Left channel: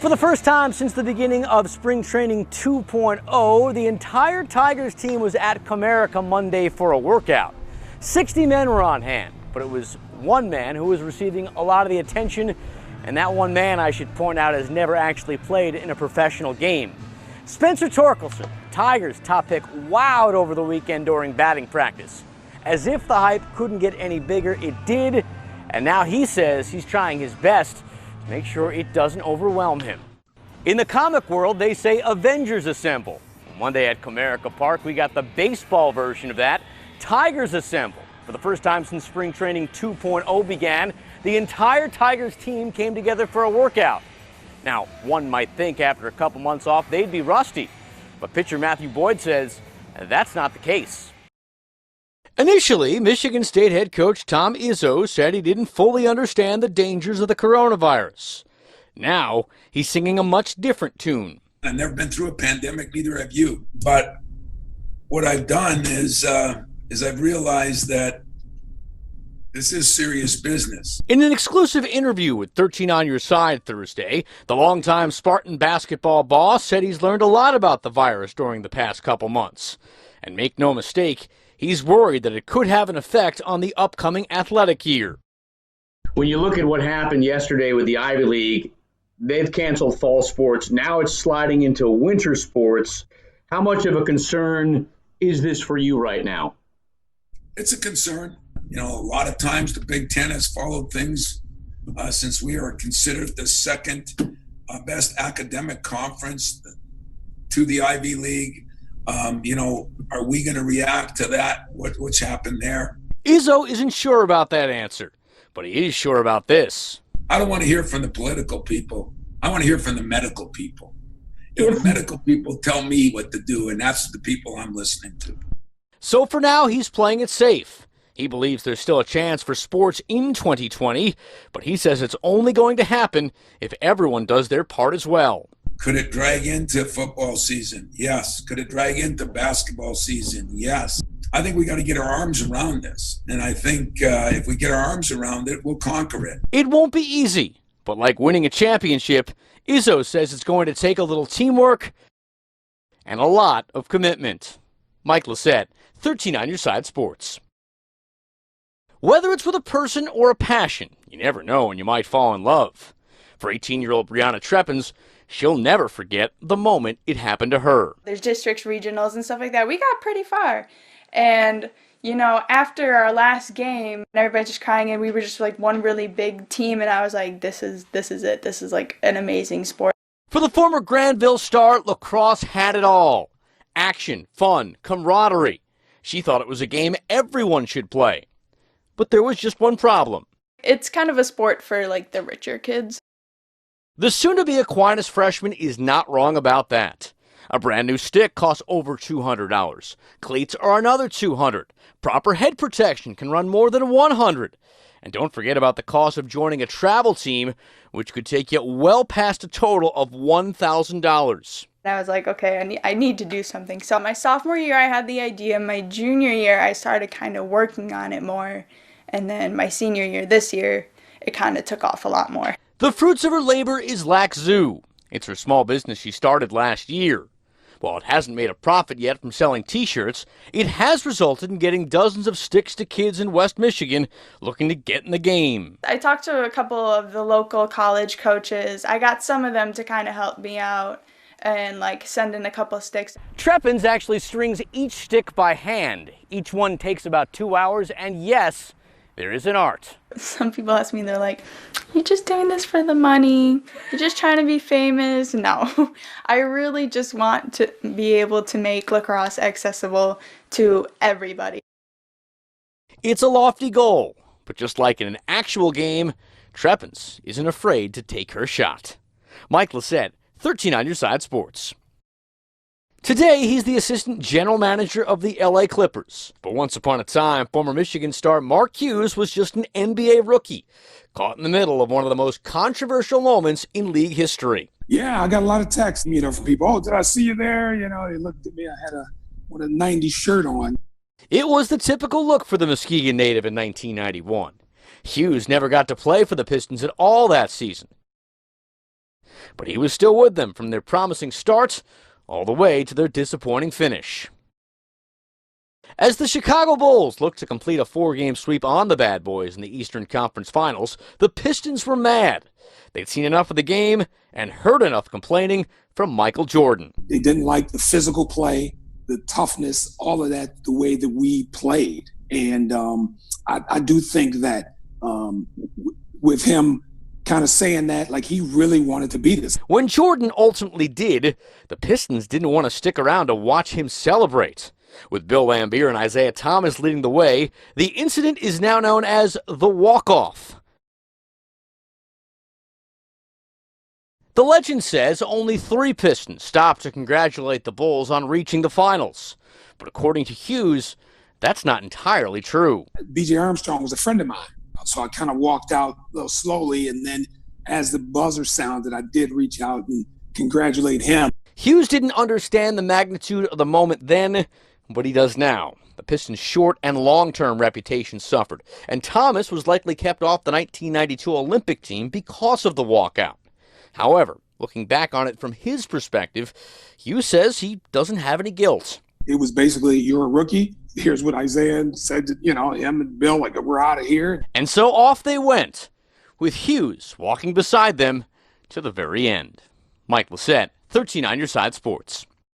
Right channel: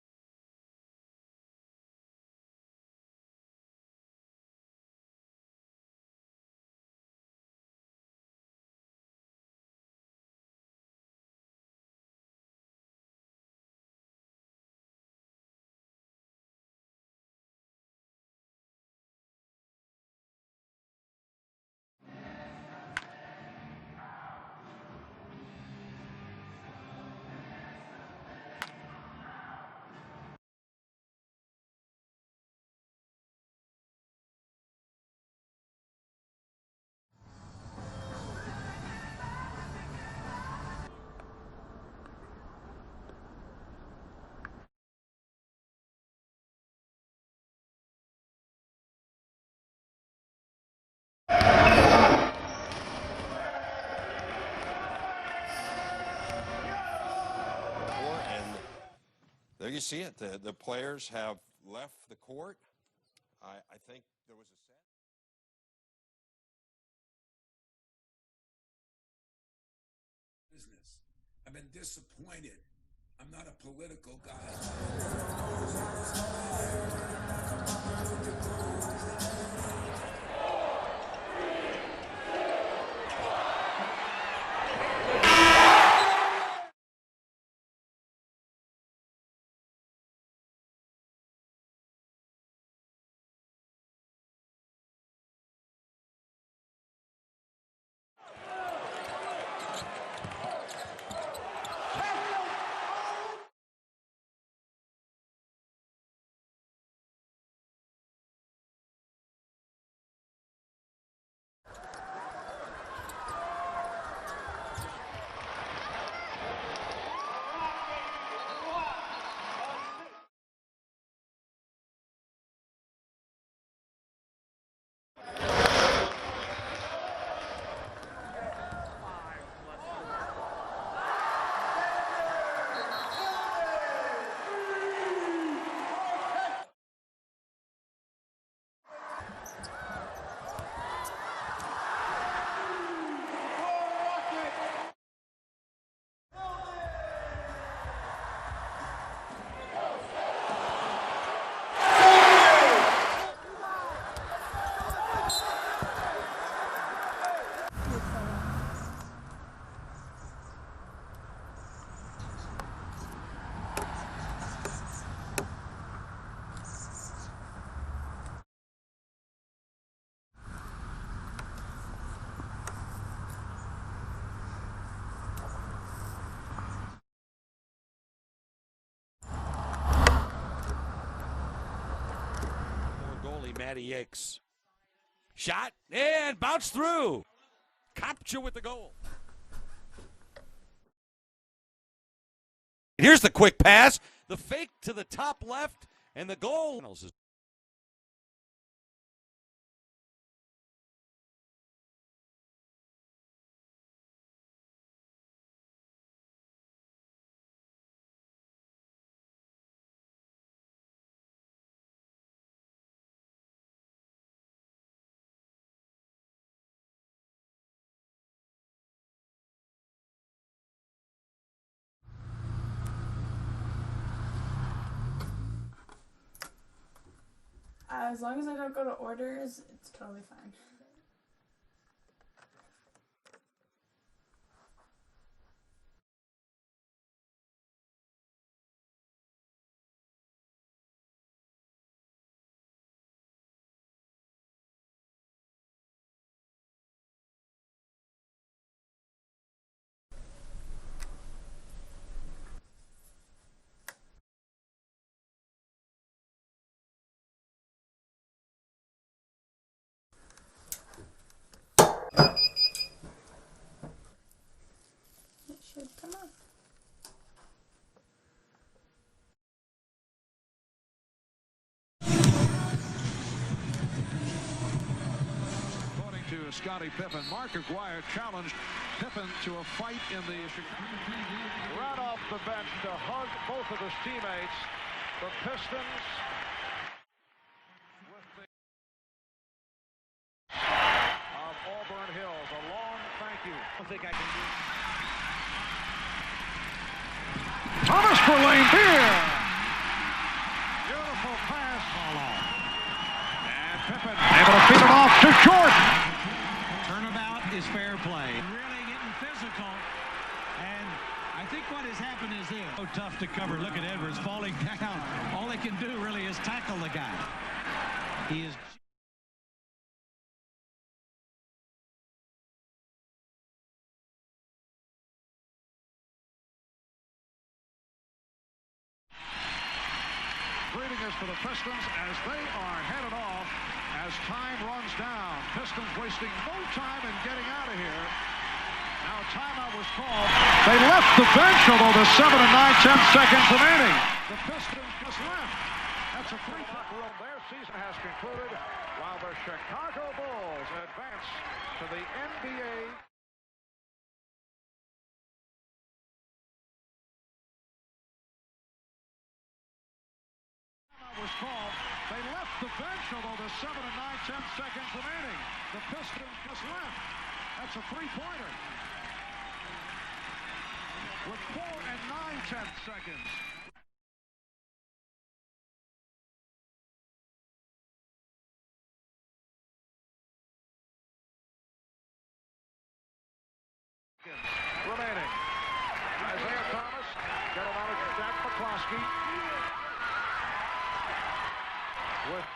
For the first time since the beginning of Spring Training 2.0, the entire Tigers team was at Comerica Monday for a workout. 60 men were on hand, but it was one man who was receiving a lot of the attention, and that one man, I should point out, has never actually played in a professional game. Spencer Torkelson, Tigers top pick, wowed over the weekend during batting practice. As if the hype couldn't get any bigger, it did, and now he says he's trying his best to make sure it doesn't overwhelm him. In the comic world, they say Avengers Assemble. Monday at Comerica Park, we got the baseball version of that. Tigers Assemble. For the first time since Spring Training 2.0 began, the entire Tigers team came together for a workout. Now, one might think after a couple months off, they'd be rusty. But pitcher Matthew Boyd says that's not the case. Initially, Michigan State head coach Tom Izzo said he didn't fully understand the dangers of the coronavirus. Now, he's singing a much different tune. I've never been through a pandemic, neither have you. But what I've done is I've realized that this is serious business. In an exclusive interview with 13 on Your Side Thursday, the longtime Spartan basketball boss said he's learned a lot about the virus during the past couple months. And make no mistake, he's worried that it could have an effect on the upcoming athletic year. When you look at what happened yesterday with the Ivy League, they've canceled fall sports. Now it's sliding into winter sports. How much of a concern is this for you right now? It's a concern. You know, a lot of times the Big Ten has followed things since we are considered the second best academic conference to the Ivy League. You know, are we going to react to that? What's happened there? Izzo isn't sure about that answer, but he is sure about this. I don't want to hear from the political people. I want to hear from the medical people. If the medical people tell me what to do, and that's the people I'm listening to. So for now, he's playing it safe. He believes there's still a chance for sports in 2020, but he says it's only going to happen if everyone does their part as well. Could it drag into football season? Yes. Could it drag into basketball season? Yes. I think we got to get our arms around this. And I think if we get our arms around it, we'll conquer it. It won't be easy, but like winning a championship, Izzo says it's going to take a little teamwork and a lot of commitment. Mike Lissette, 13 on Your Side Sports. Whether it's with a person or a passion, you never know when you might fall in love. For 18-year-old Brianna Treppens, she'll never forget the moment it happened to her. There's districts, regionals, and stuff like that. We got pretty far. And, you know, after our last game, everybody's just crying, and we were just like one really big team, and I was like, this is it. This is like an amazing sport. For the former Granville star, Lacrosse had it all. Action, fun, camaraderie. She thought it was a game everyone should play. But there was just one problem. It's kind of a sport for, like, the richer kids. Here's the quick pass. The soon-to-be Aquinas freshman is not wrong about that. A brand new stick costs over $200. Cleats are another $200. Proper head protection can run more than $100. And don't forget about the cost of joining a travel team, which could take you well past a total of $1,000. I was like, okay, I need to do something. So my sophomore year, I had the idea. My junior year, I started kind of working on it more. And then my senior year, this year, it kind of took off a lot more. The fruits of her labor is Lacrosse. It's her small business she started last year. While it hasn't made a profit yet from selling T-shirts, it has resulted in getting dozens of sticks to kids in West Michigan looking to get in the game. I talked to a couple of the local college coaches. I got some of them to kind of help me out and like send in a couple of sticks. Treppens actually strings each stick by hand. Each one takes about 2 hours, and yes, there is an art. Some people ask me, they're like, you're just doing this for the money? You're just trying to be famous? No, I really just want to be able to make lacrosse accessible to everybody. It's a lofty goal, but just like in an actual game, Treppens isn't afraid to take her shot. Mike Lissette, 13 on Your Side Sports. Today, he's the assistant general manager of the LA Clippers. But once upon a time, former Michigan star Mark Hughes was just an NBA rookie, caught in the middle of one of the most controversial moments in league history. Yeah, I got a lot of texts, from people. Oh, did I see you there? They looked at me. I had a 90s shirt on. It was the typical look for the Muskegon native in 1991. Hughes never got to play for the Pistons at all that season. Thomas for lane here. but he was still with them from their promising start all the way to their disappointing finish. Able to feed it off to Jordan. As the Chicago Bulls looked to complete a 4-game sweep on the Bad Boys in the Eastern Conference Finals, the Pistons were mad. They'd seen enough of the game and heard enough complaining from Michael Jordan. They didn't like the physical play, the toughness, all of that, the way that we played. And I do think that with him kind of saying that, like, he really wanted to beat us. When Jordan ultimately did, the Pistons didn't want to stick around to watch him celebrate. With Bill Laimbeer and Isaiah Thomas leading the way, the incident is now known as the walk-off. They left the bench, although there's 7 and 9, 10 seconds remaining. The legend says only 3 Pistons stopped to congratulate the Bulls on reaching the finals. But according to Hughes, that's not entirely true. B.J. Armstrong was a friend of mine, so I kind of walked out a little slowly, and then as the buzzer sounded, I did reach out and congratulate him. Hughes didn't understand the magnitude of the moment then, but he does now. The Pistons' short and long-term reputation suffered, and Thomas was likely kept off the 1992 Olympic team because of the walkout. However, looking back on it from his perspective, Hughes says he doesn't have any guilt. It was basically, you're a rookie. Here's what Isaiah said to, him and Bill, like, we're out of here. And so off they went, with Hughes walking beside them to the very end. Mike Lissette, 13 on your side sports.